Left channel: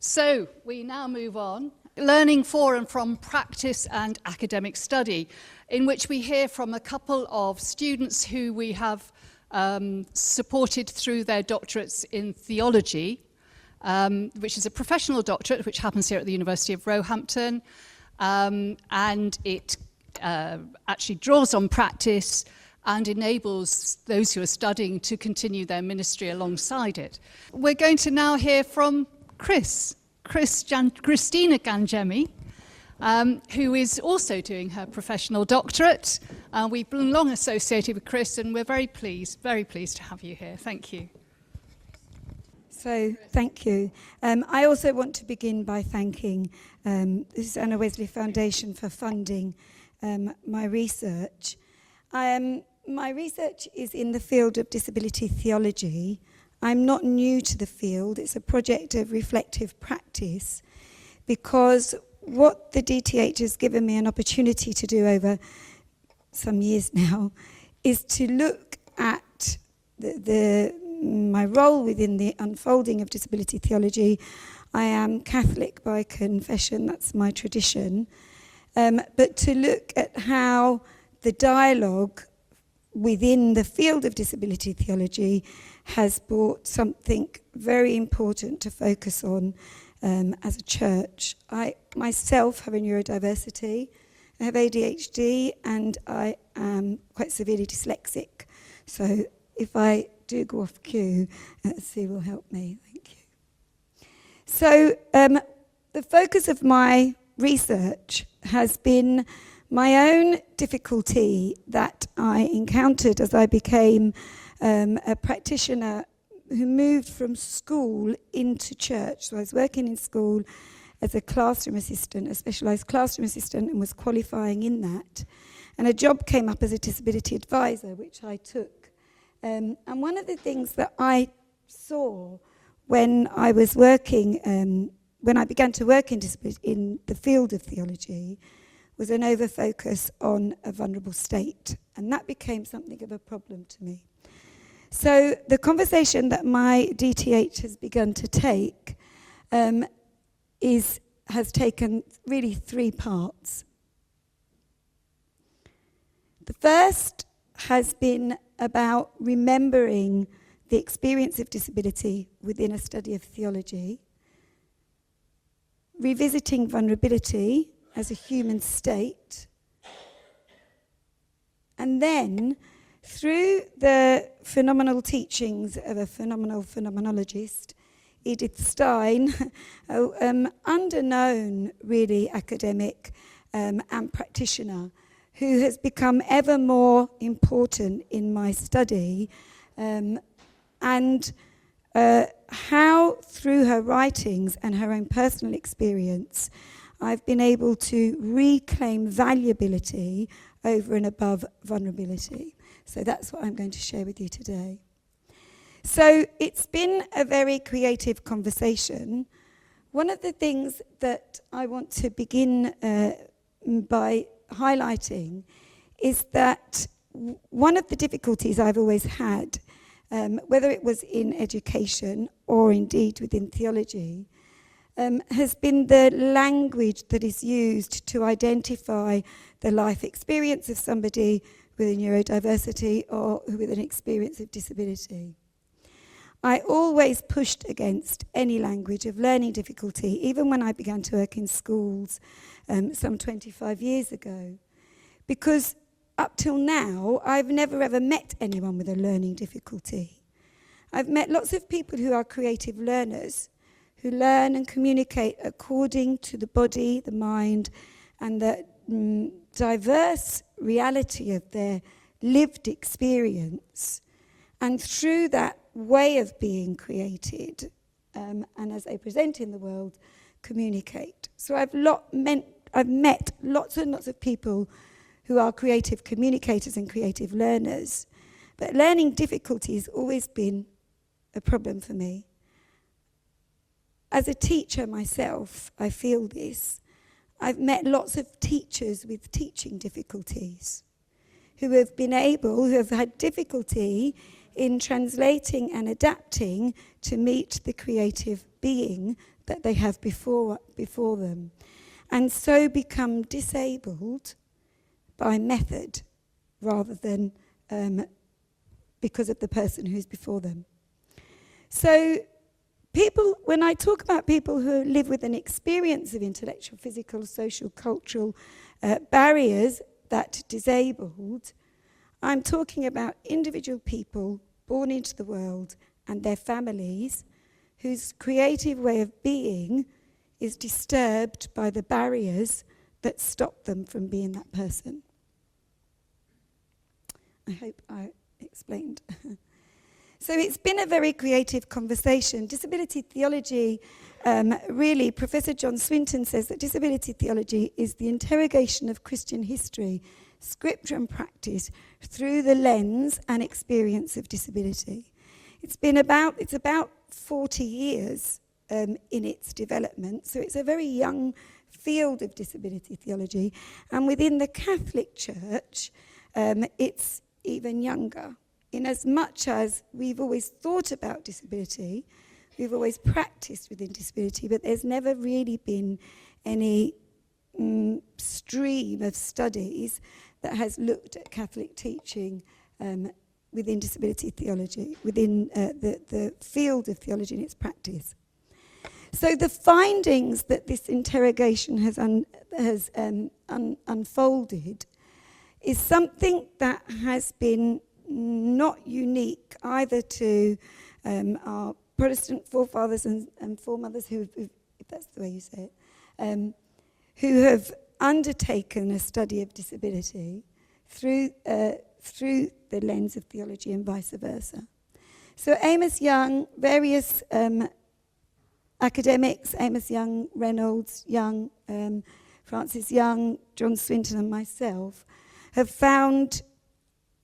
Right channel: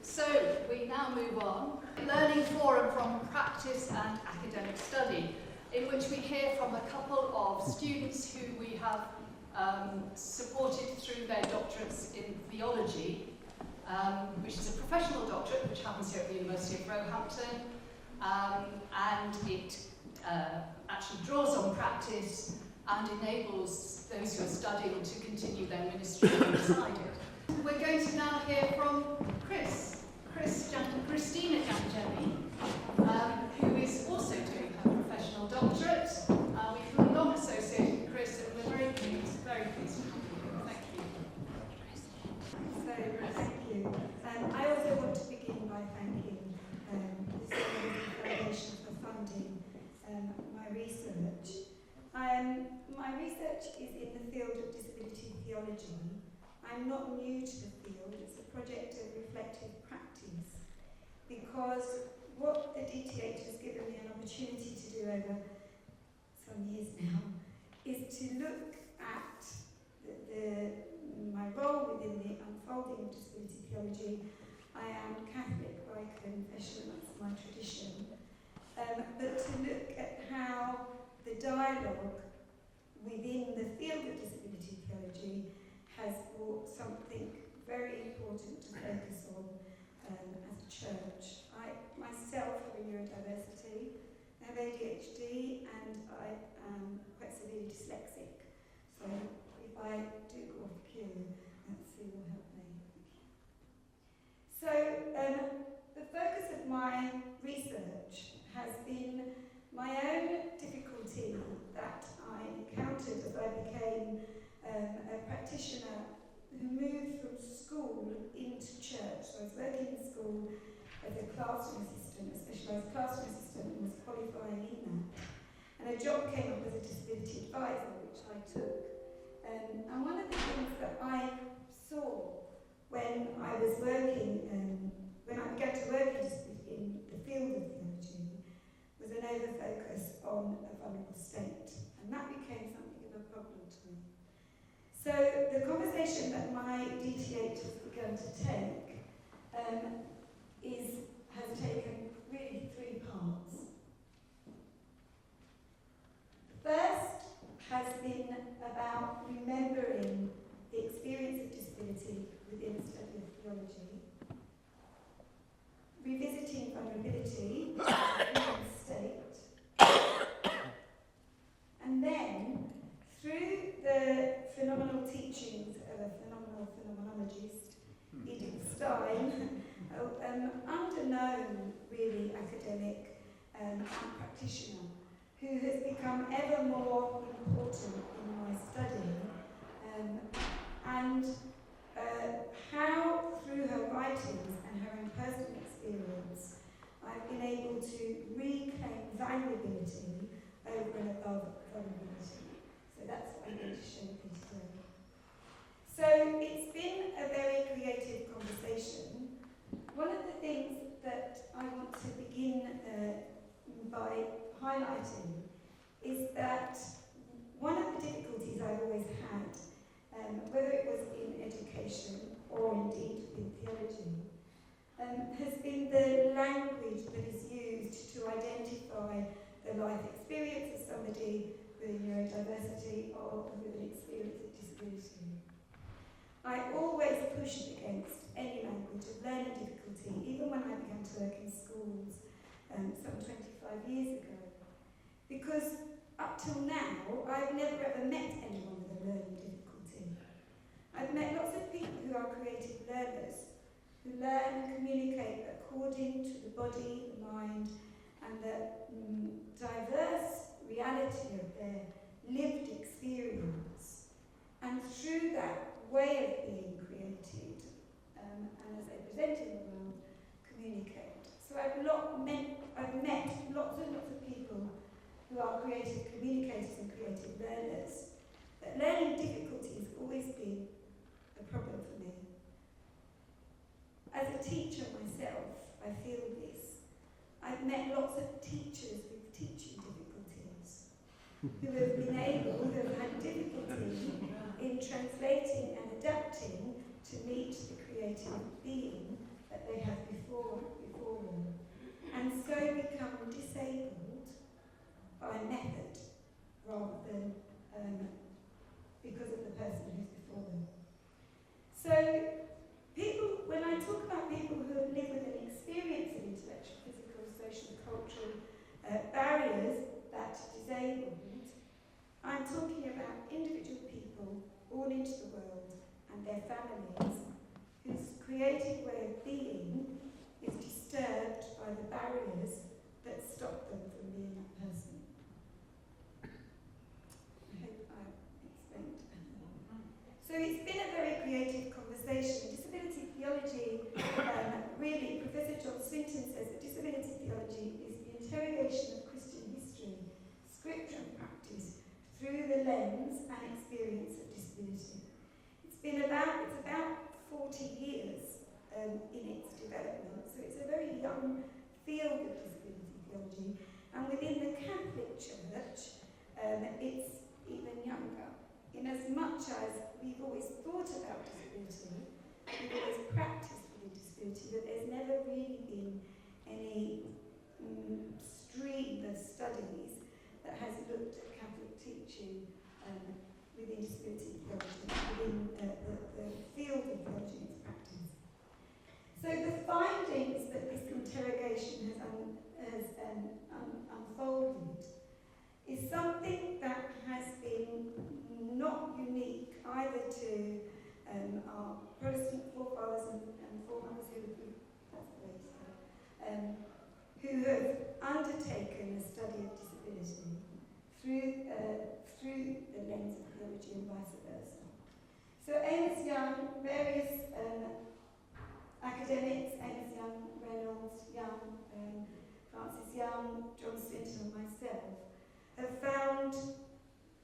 So we now move on. Learning for and from practice and academic study, in which we hear from a couple of students who we have supported through their doctorates in theology, which is a professional doctorate which happens here at the University of Roehampton, and it actually draws on practice and enables those who are studying to continue their ministry alongside it. We're going to now hear from Cristina Gangemi, who is also doing her professional doctorate. We've long associated with Cris, and we're very pleased to have you here. Thank you. So, thank you. I also want to begin by thanking the Susanna Wesley Foundation for funding my research. My research is in the field of disability theology. I'm not new to the field. It's a project of reflective practice, because what the DTH has given me an opportunity to do over some years now is to look at my role within the unfolding of disability theology. I am Catholic by confession, that's my tradition, but to look at how the dialogue within the field of disability theology has brought something very important to focus on as a church. I myself have a neurodiversity, I have ADHD, and I am quite severely dyslexic. So if I do go off cue, Sue will help me. Thank you. So the focus of my research has been my own difficulty that I encountered as I became a practitioner who moved from school into church. So I was working in school as a classroom assistant, a specialised classroom assistant, and was qualifying in that. And a job came up as a disability advisor, which I took. And one of the things that I saw when I was working, when I began to work in the field of theology, was an over-focus on a vulnerable state. And that became something of a problem to me. So the conversation that my DTH has begun to take has taken really three parts. The first has been about remembering the experience of disability within a study of theology, revisiting vulnerability as a human state, and then, through the phenomenal teachings of a phenomenal phenomenologist, Edith Stein, underknown really academic and practitioner, who has become ever more important in my study, and how through her writings and her own personal experience, I've been able to reclaim valuability over and above vulnerability. So that's what I'm going to share with you today. So it's been a very creative conversation. One of the things that I want to begin by highlighting is that one of the difficulties I've always had, whether it was in education or indeed within theology, has been the language that is used to identify the life experience of somebody with a neurodiversity or with an experience of disability. I always pushed against any language of learning difficulty, even when I began to work in schools some 25 years ago, because up till now, I've never ever met anyone with a learning difficulty. I've met lots of people who are creative learners, who learn and communicate according to the body, the mind, and the diverse reality of their lived experience. And through that way of being created, and as they present in the world, communicate. So I've met lots and lots of people who are creative communicators and creative learners. But learning difficulty has always been a problem for me. As a teacher myself, I feel this. I've met lots of teachers with teaching difficulties who have had difficulty in translating and adapting to meet the creative being that they have before them, and so become disabled by method rather than because of the person who's before them. So people, when I talk about people who live with an experience of intellectual, physical, social, cultural barriers that disabled, I'm talking about individual people born into the world and their families whose creative way of being is disturbed by the barriers that stop them from being that person. I hope I explained. So it's been a very creative conversation. Disability theology, really, Professor John Swinton says that disability theology is the interrogation of Christian history, scripture and practice through the lens and experience of disability. It's about 40 years in its development, so it's a very young field of disability theology, and within the Catholic Church, it's even younger. In as much as we've always thought about disability, we've always practiced within disability, but there's never really been any stream of studies that has looked at Catholic teaching within disability theology, within the field of theology and its practice. So the findings that this interrogation has unfolded is something that has been not unique either to our Protestant forefathers and foremothers, who, if that's the way you say it, who have undertaken a study of disability through the lens of theology and vice versa. So Amos Young, various academics, Amos Young, Reynolds, Young, Francis Young, John Swinton and myself, have found,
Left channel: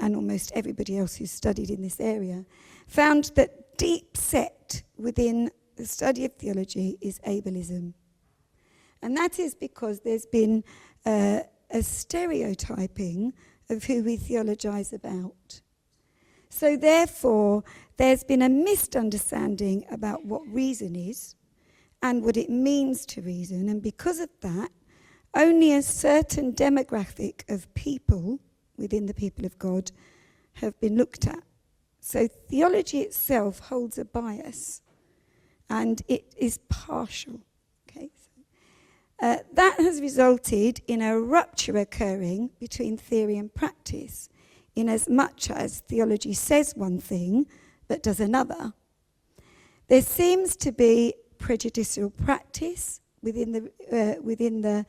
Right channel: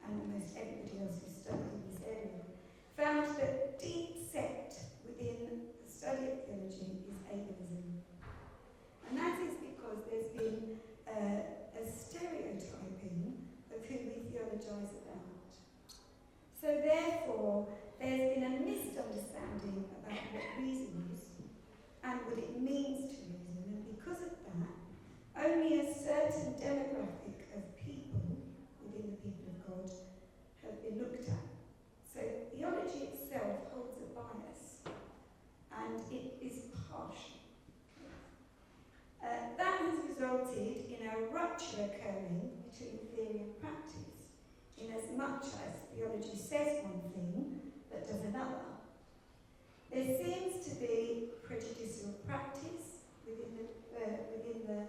and almost everybody else who's studied in this area, found that deep set within the study of theology is ableism. And that is because there's been a stereotyping of who we theologize about. So therefore, there's been a misunderstanding about what reason is and what it means to reason, and because of that, only a certain demographic of people within the people of God have been looked at. So theology itself holds a bias, and it is partial. Okay? That has resulted in a rupture occurring between theory and practice, in as much as theology says one thing but does another. There seems to be prejudicial practice within the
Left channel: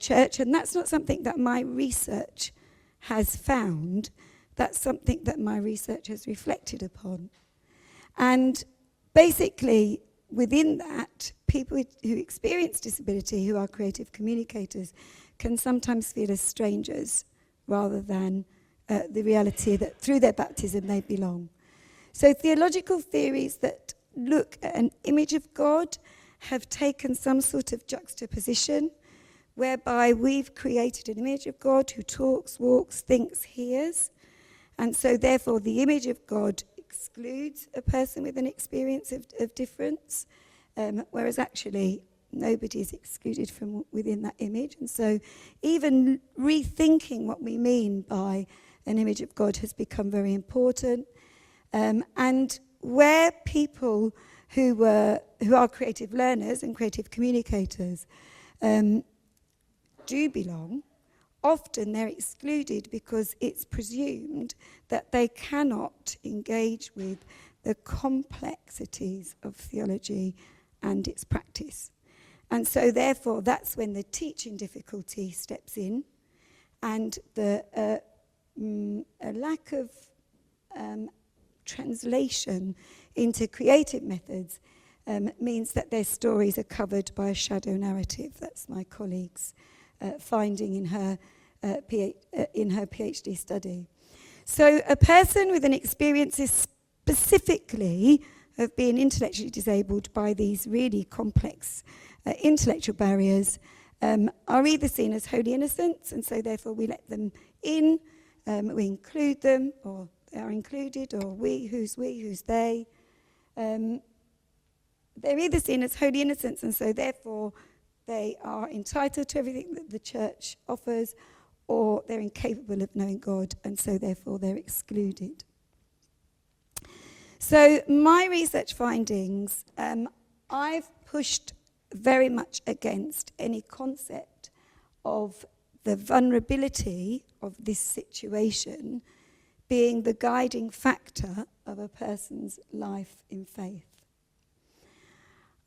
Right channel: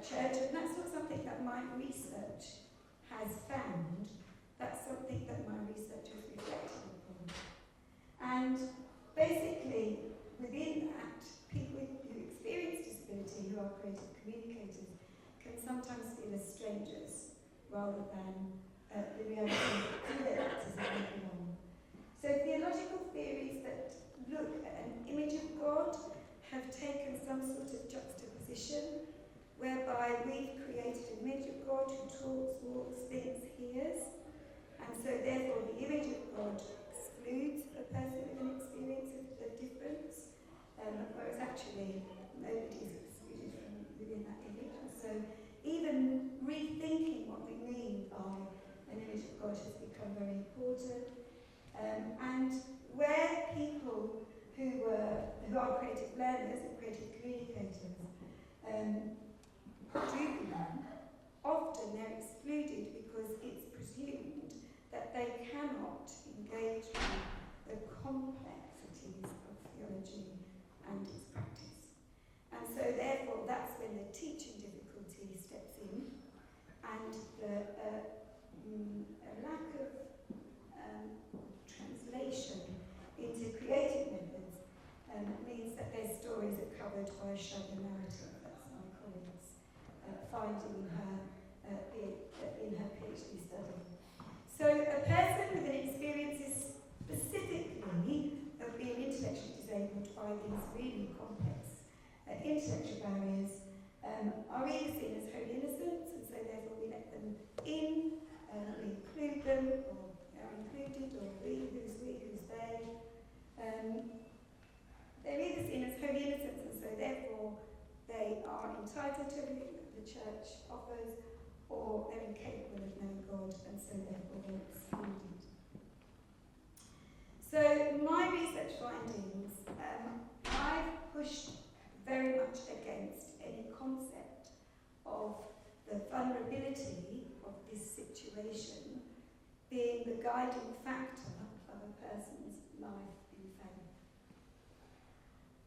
church, and that's not something that my research has found. That's something that my research has reflected upon. And basically, within that, people who experience disability, who are creative communicators, can sometimes feel as strangers rather than the reality that through their baptism they belong. So theological theories that look at an image of God have taken some sort of juxtaposition whereby we've created an image of God who talks, walks, thinks, hears, and so therefore the image of God excludes a person with an experience of difference, whereas actually nobody is excluded from within that image. And so even rethinking what we mean by an image of God has become very important. And where people who are creative learners and creative communicators do belong, often they're excluded because it's presumed that they cannot engage with the complexities of theology and its practice. And so therefore that's when the teaching difficulty steps in, and the a lack of translation into creative methods means that their stories are covered by a shadow narrative. That's my colleague's finding in her PhD study. So a person with an experience specifically of being intellectually disabled by these really complex intellectual barriers are either seen as wholly innocent, and so therefore we let them in, we include them, or they are included, or who's they. they're either seen as holy innocents, and so therefore they are entitled to everything that the church offers, or they're incapable of knowing God, and so therefore they're excluded. So my research findings, I've pushed very much against any concept of the vulnerability of this situation being the guiding factor of a person's life in faith.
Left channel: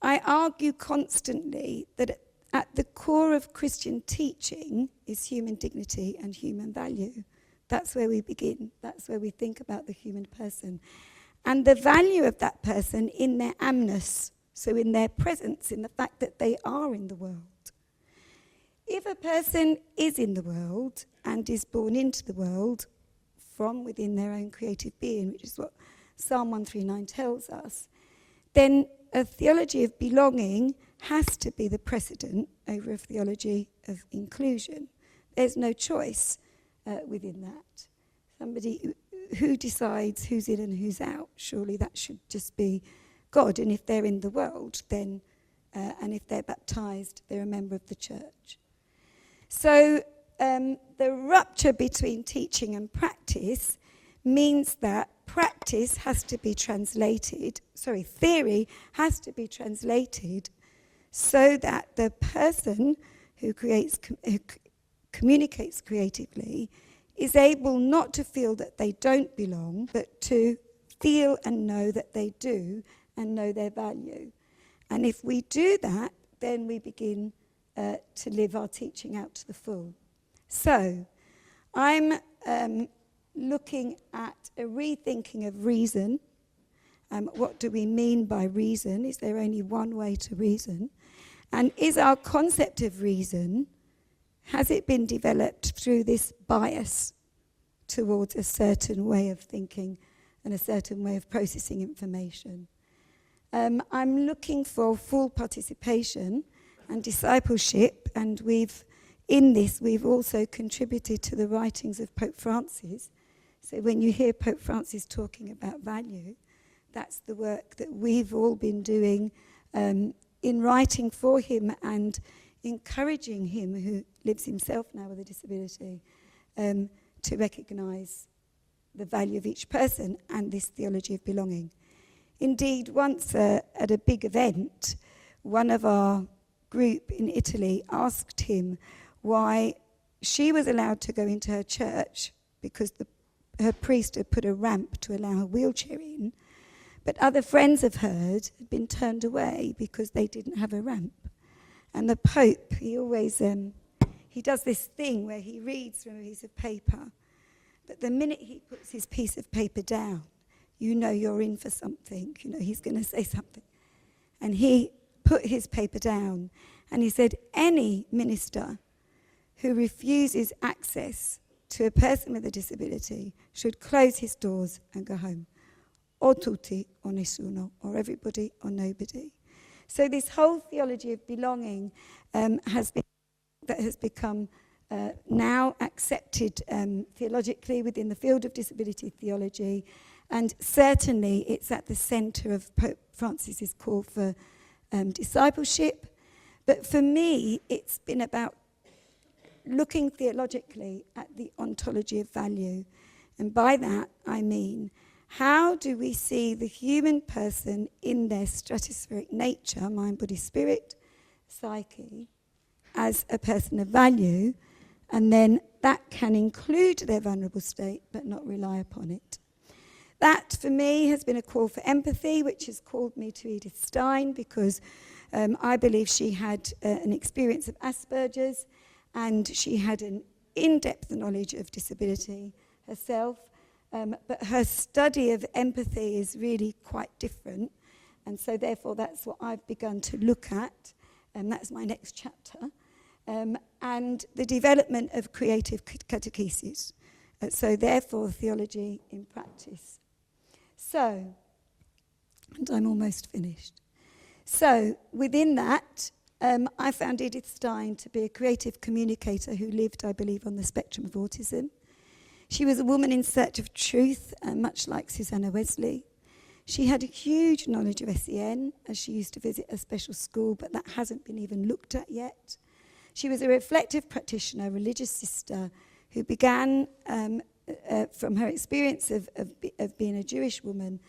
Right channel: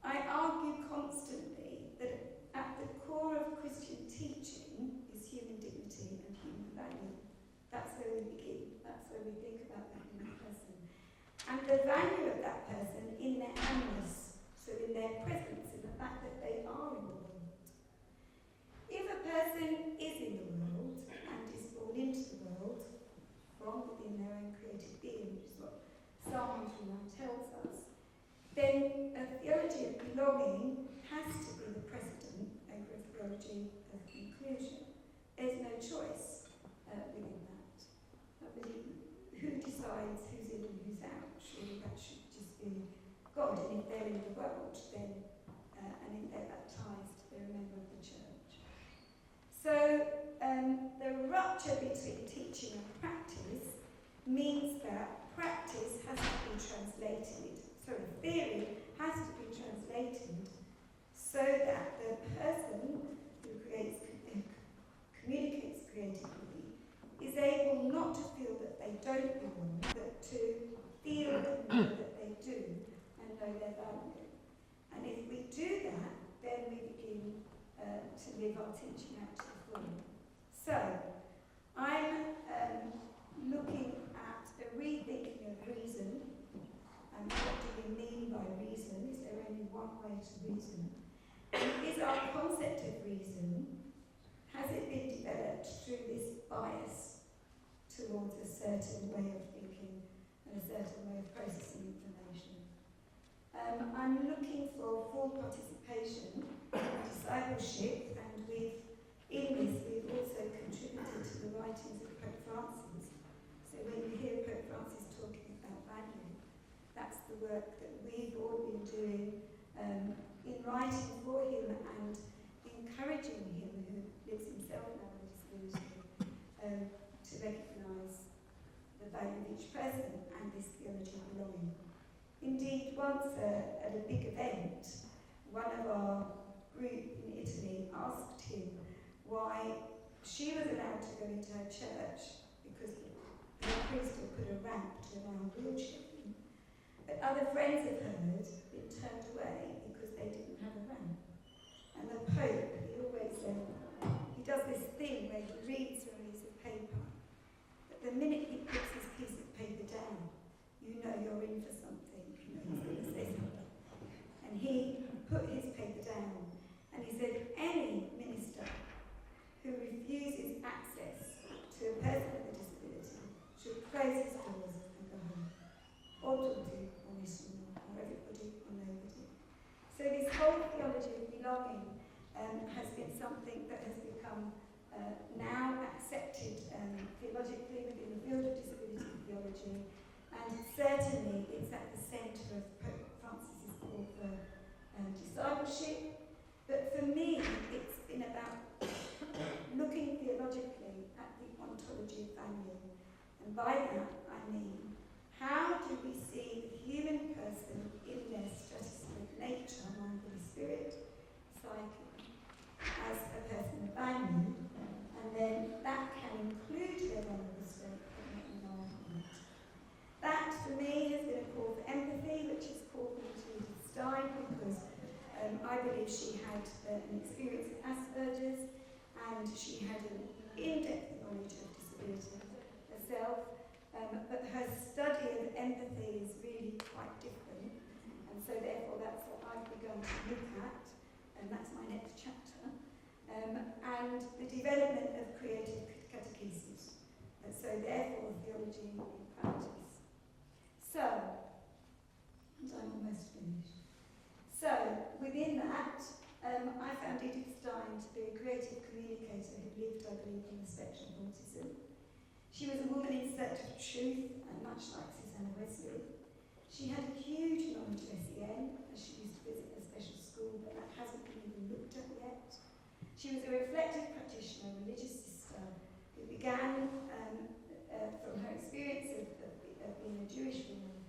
I argue constantly that at the core of Christian teaching is human dignity and human value. That's where we begin. That's where we think about the human person. And the value of that person in their amness, so in their presence, in the fact that they are in the world. If a person is in the world and is born into the world from within their own creative being, which is what Psalm 139 tells us, then a theology of belonging has to be the precedent over a theology of inclusion. There's no choice within that. Somebody who decides who's in and who's out, surely that should just be God. And if they're in the world, then, and if they're baptized, they're a member of the church. So the rupture between teaching and practice means that practice has to be translated, theory has to be translated so that the person who communicates creatively is able not to feel that they don't belong, but to feel and know that they do and know their value. And if we do that, then we begin to live our teaching out to the full. So I'm looking at a rethinking of reason. What do we mean by reason? Is there only one way to reason? And is our concept of reason, has it been developed through this bias towards a certain way of thinking and a certain way of processing information? I'm looking for full participation and discipleship, and we've also contributed to the writings of Pope Francis. So when you hear Pope Francis talking about value, that's the work that we've all been doing in writing for him and encouraging him, who lives himself now with a disability, to recognise the value of each person and this theology of belonging. Indeed, once at a big event, one of our group in Italy asked him why she was allowed to go into her church because her priest had put a ramp to allow her wheelchair in, but other friends of hers had been turned away because they didn't have a ramp. And the Pope, he always, he does this thing where he reads from a piece of paper, but the minute he puts his piece of paper down, you know you're in for something, you know he's going to say something. And he put his paper down, and he said, any minister who refuses access to a person with a disability should close his doors and go home. O tutti o nessuno, or everybody or nobody. So this whole theology of belonging has been something that has become now accepted theologically within the field of disability theology, and certainly it's at the centre of Pope Francis's call for discipleship. But for me, it's been about looking theologically at the ontology of value. And by that, I mean, how do we see the human person in their stratospheric nature, mind, body, spirit, psyche, as a person of value, and then that can include their vulnerable state, but not rely upon it. That, for me, has been a call for empathy, which has called me to Edith Stein, because I believe she had an experience of Asperger's, and she had an in-depth knowledge of disability herself, but her study of empathy is really quite different, and so therefore that's what I've begun to look at, and that's my next chapter, and the development of creative catechesis, so therefore theology in practice. So, and I'm almost finished. So, within that, I found Edith Stein to be a creative communicator who lived, I believe, on the spectrum of autism. She was a woman in search of truth, much like Susanna Wesley. She had a huge knowledge of SEN, as she used to visit a special school, but that hasn't been even looked at yet. She was a reflective practitioner, religious sister, who began from her experience of being a Jewish woman,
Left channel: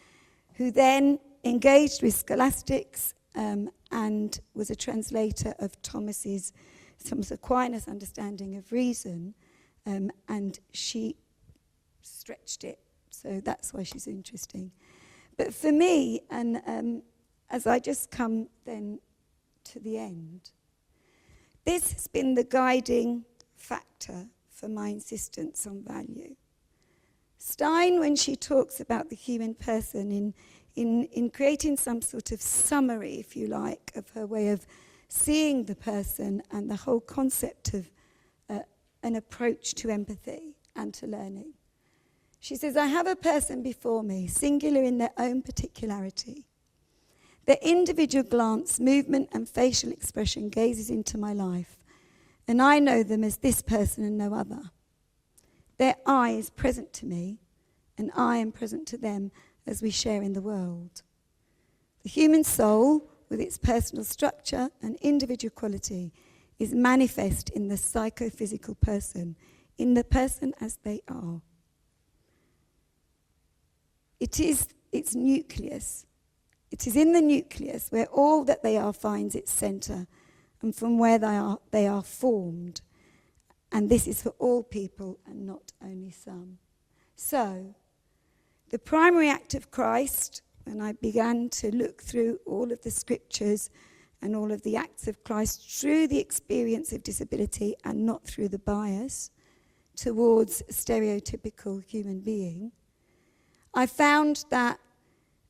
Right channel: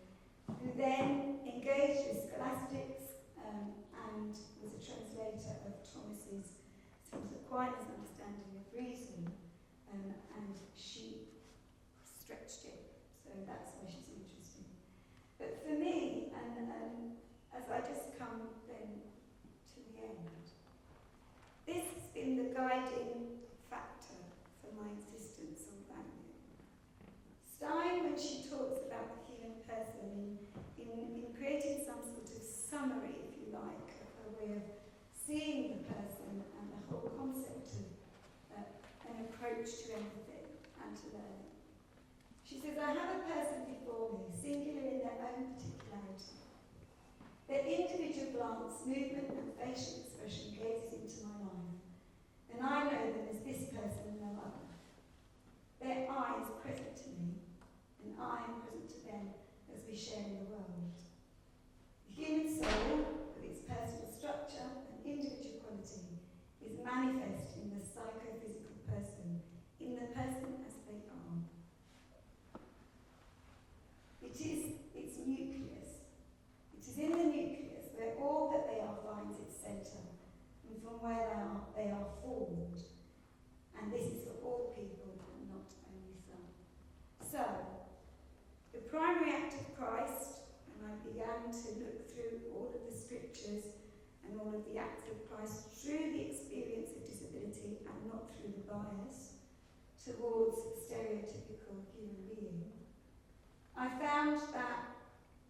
who then engaged with scholastics and was a translator of Thomas Aquinas' understanding of reason, and she stretched it, so that's why she's interesting. But for me, and as I just come then to the end, this has been the guiding factor for my insistence on value. Stein, when she talks about the human person in creating some sort of summary, if you like, of her way of seeing the person and the whole concept of an approach to empathy and to learning. She says, I have a person before me, singular in their own particularity. Their individual glance, movement and facial expression gazes into my life, and I know them as this person and no other. Their I is present to me, and I am present to them as we share in the world. The human soul, with its personal structure and individual quality, is manifest in the psychophysical person, in the person as they are. It is its nucleus. It is in the nucleus where all that they are finds its centre, and from where they are formed. And this is for all people and not only some. So, the primary act of Christ, when I began to look through all of the scriptures and all of the acts of Christ through the experience of disability and not through the bias towards a stereotypical human being, I found that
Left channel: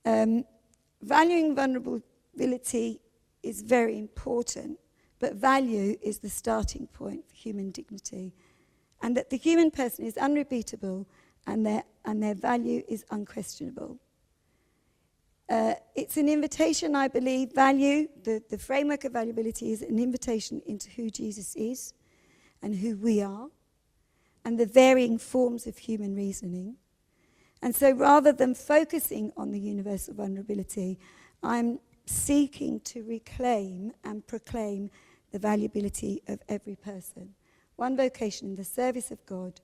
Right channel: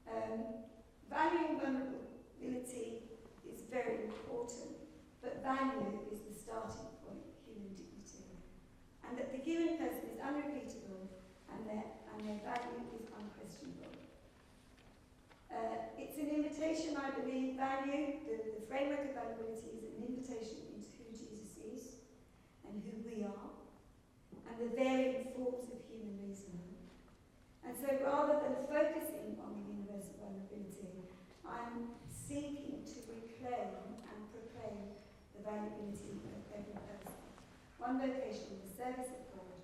valuing vulnerability is very important, but value is the starting point for human dignity, and that the human person is unrepeatable and their value is unquestionable. It's an invitation, I believe, the framework of valuability is an invitation into who Jesus is and who we are, and the varying forms of human reasoning. And so rather than focusing on the universal vulnerability, I'm seeking to reclaim and proclaim the valuability of every person. One vocation in the service of God,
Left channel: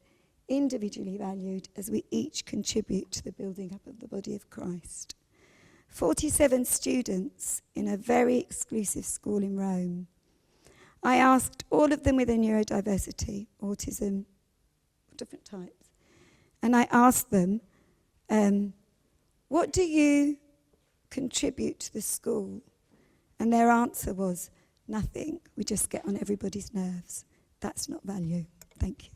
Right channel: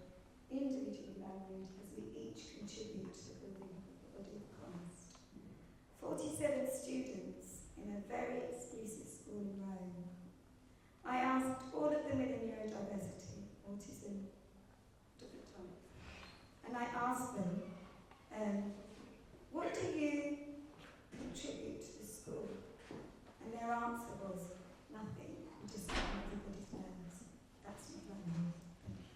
individually valued as we each contribute to the building up of the body of Christ. 47 students in a very exclusive school in Rome. I asked all of them with a neurodiversity, autism, different types, and I asked them, what do you contribute to the school? And their answer was, nothing. We just get on everybody's nerves. That's not value. Thank you.